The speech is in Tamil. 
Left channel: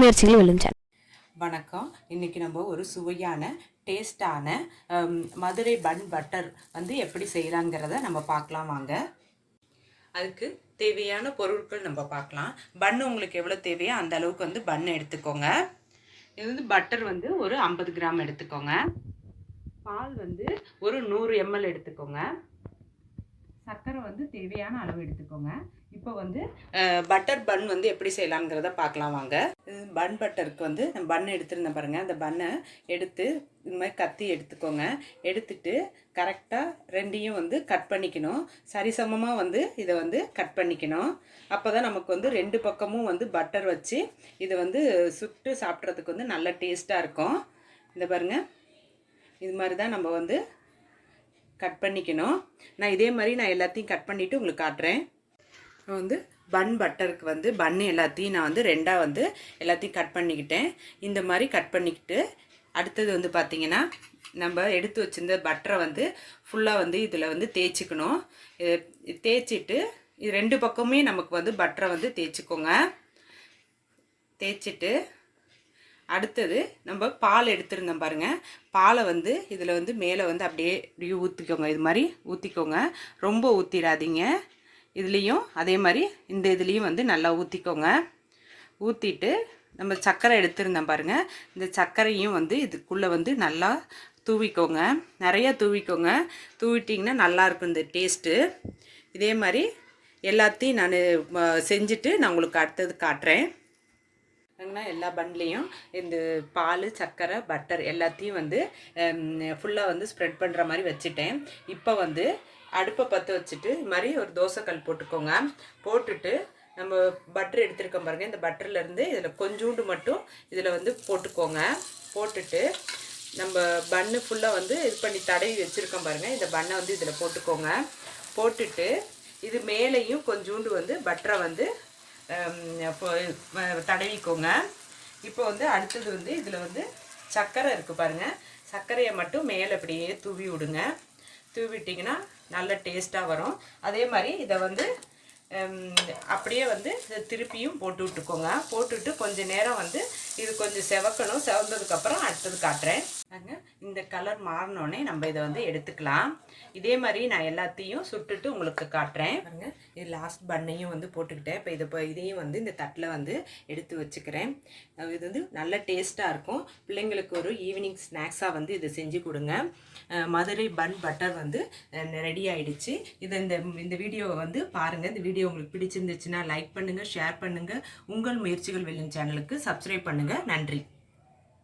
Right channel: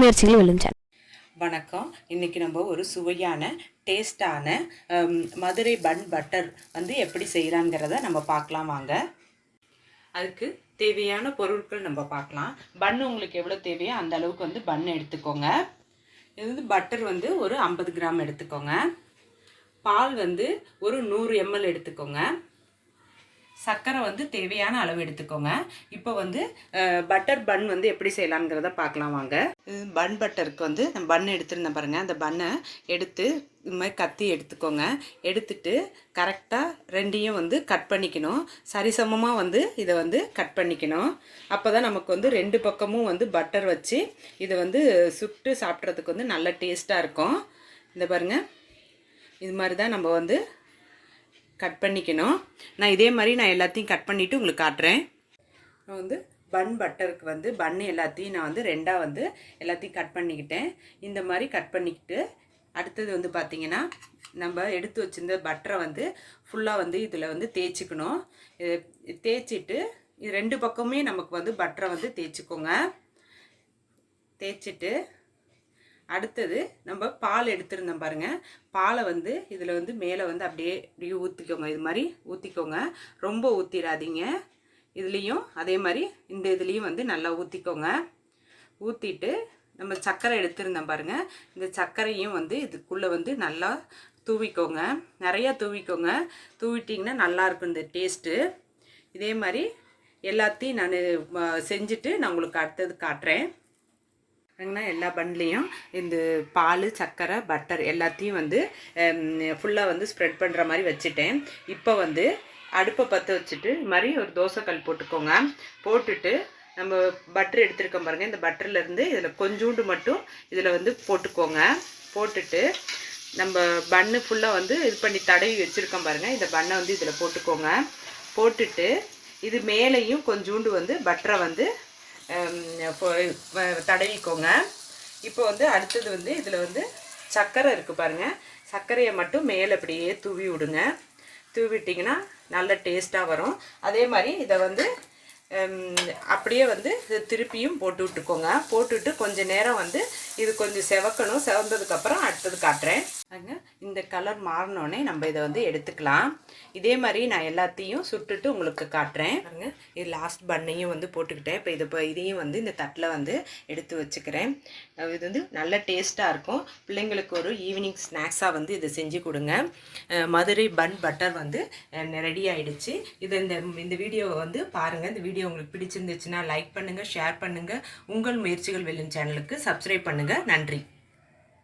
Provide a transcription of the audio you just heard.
முயற்சிகள் வெல்லும் சேனல். வணக்கம். இன்றைக்கி நம்ம ஒரு சுவையான டேஸ்டான மதுரை பன் பட்டர் வந்து எப்படி செய்யலாங்கிறத நம்ம பார்க்கலாம் வாங்க. அதுக்கு தேவையான பொருட்கள் நம்ம பார்க்கலாம். பன் உங்களுக்கு எவ்வளோ தேவையோ அந்த அளவுக்கு வந்து பன் எடுத்துக்கோங்க. இது வந்து பட்டர் வந்து ஒரு 50 கிராம் எடுத்துக்கோங்க. பால் வந்து ஒரு 100 ml எடுத்துக்கோங்க. சர்க்கரை வந்து தேவையான அளவு எடுத்துக்கோங்க. இப்போ வந்து பட்டர் பன் வந்து எப்படி செய்யலாம்ங்கிறத பார்க்கலாம் வாங்க. இது பன் பட்டருக்கு வந்து நான் பன் எடுத்துருந்தேன் பாருங்கள். அந்த பன்னை எடுத்து இது மாதிரி கத்தி எடுத்துக்கோங்க. எடுத்துட்டு கரெக்டாக ரெண்டையும் வந்து கட் பண்ணிக்கணும். சரிசமமாக வந்து இதை வந்து கட் பண்ணிக்கணும். அப்போ தான் நமக்கு வந்து ரெண்டு பக்கமும் வந்து பட்டர் வச்சு இதை வந்து சுட்டு சாப்பிட்றதுக்கு வந்து நல்ல டேஸ்ட்டாக இருக்கும். இந்த பாருங்கள், இது மாதிரி தான் நம்ம வந்து கட் பண்ணிக்கணும். நான் இதே மாதிரி நான் எல்லாத்தையும் கட் பண்ணிவிட்டு உங்களுக்கு காட்டுறேன். நான் வந்து பன் பட்டருக்கு வந்து பன்னு எல்லாத்தையும் நான் வந்து ரெண்டாக வந்து எல்லாத்தையும் கட் பண்ணிக்கிட்டேன். இந்த மாதிரி கட் பண்ணிக்கிட்டு அடுத்தது வந்து பார்த்திங்கன்னா நம்ம எடுத்து வச்சுருந்த பட்டரை வந்து ஃபுல்லாக வந்து இதில் வந்து தேய்ச்சிக்கணும். தேய்ச்சிட்டு இது ரெண்டு பக்கமே நமக்கு வந்து பட்டரை வந்து தேய்ச்சிக்கோங்க. தேய்ச்சிட்டு அடுத்தது நம்ம பால் எடுத்துருந்தோம் பாருங்கள். பாலை வந்து இதில் வந்து மேலே வந்து அப்படியே ஊற்றிக்கோங்க. இது மாதிரி ஊற்றிக்கோங்க. ரொம்ப ஊற்றிடாதீங்க. இதுலேயும் அதே மாதிரி இந்த இதுலேயும் வந்து நல்லா ஊற்றிக்கோங்க. ஊற்றிட்டு நம்ம சர்க்கரை எடுத்துருந்தோம் பாருங்கள். இந்த சர்க்கரையும் வந்து இதுக்குள்ளே வந்து நல்லா தூவிக்கோங்க. நிறையா தூவிக்கோங்க. தூவிட்டிங்கன்னா நல்லாயிருக்கும் இந்த டேஸ்ட்டு. இதே மாதிரி எல்லாத்தையும் நான் செஞ்சுட்டு நான் உங்களுக்கு அடுத்தது காட்டுறேன். எல்லா பன்லேயும் இந்த பால், சர்க்கரை, பட்டர் எல்லாத்தையும் வந்து ஃபுல்லாக வந்து ஸ்ப்ரெட் பண்ணுற மாதிரி வச்சுட்டேன். இப்போ வந்து அடுப்பை பற்ற வச்சுட்டு இது மாதிரி ஒரு தோசைக்கல் போட்டுக்கோங்க. போட்டுட்டு நம்ம பட்டர் எடுத்துருக்கோம் பாருங்கள். இந்த பட்டர்லேருந்து இதில் கொஞ்சோண்டு மட்டும் இதில் வந்து போட்டுக்கோங்க. போட்டுட்டு நம்ம பன்னு ஃபுல்லாக வந்து இது பண்ணி தடவி வச்சுருக்கோம் பாருங்கள். இந்த பன்னை வந்து இதில் போட்டுக்கோங்க. போட்டுட்டு இது மேலேயும் கொஞ்சோண்டு வந்து பட்டரை வந்து தடவிக்கோங்க. இப்போ வந்து அடுத்தது வந்து இதில் வந்து சர்க்கரை இருக்குது பாருங்கள். சர்க்கரையை மட்டும் மேலே அப்படியே தூவி விடுங்க. தூவிட்டிங்கன்னா நல்ல டேஸ்ட்டாக வரும். அதே மாதிரி இதை வந்து அப்படியே வந்து திருப்பியும் போட்டு விட்டுக்கோங்க. போட்டுவிட்டு கொஞ்சம் நேரம் வந்து இது கொஞ்சம் செவக்கணும். செவந்ததுக்கப்புறம் அடுத்தது காட்டுறேன். இந்த கலர் மாறினோடனே நம்ம இதை வந்து எடுத்துக்கலாம். இதே மாதிரி நான் எல்லாத்தையும் சுட்டுட்டு உங்களுக்கு காட்டுறேன். இது லாஸ்ட் பண்ணையும் வந்து போட்டுக்கிட்டேன். இப்போ இதையும் வந்து இந்த தட்டில் வந்து எடுத்து வச்சுக்கிறேன். இது வந்து நல்ல டேஸ்ட்டாக இருக்கும். பிள்ளைங்களுக்கு ஒரு ஈவினிங் ஸ்நாக்ஸாக வந்து இதை செஞ்சு கொடுங்க. மதுரை பன் பட்டர் வந்து ரெடி ஆகிடுச்சு. இந்த வீடியோவை வந்து பாருங்கள். இந்த வீடியோ உங்களுக்கு பிடிச்சிருந்துச்சுன்னா லைக் பண்ணுங்கள், ஷேர் பண்ணுங்கள். உங்கள் முயற்சிகள் வெல்லும் சேனலுக்கு சப்ஸ்கிரைப் பண்ணுங்கள். நன்றி.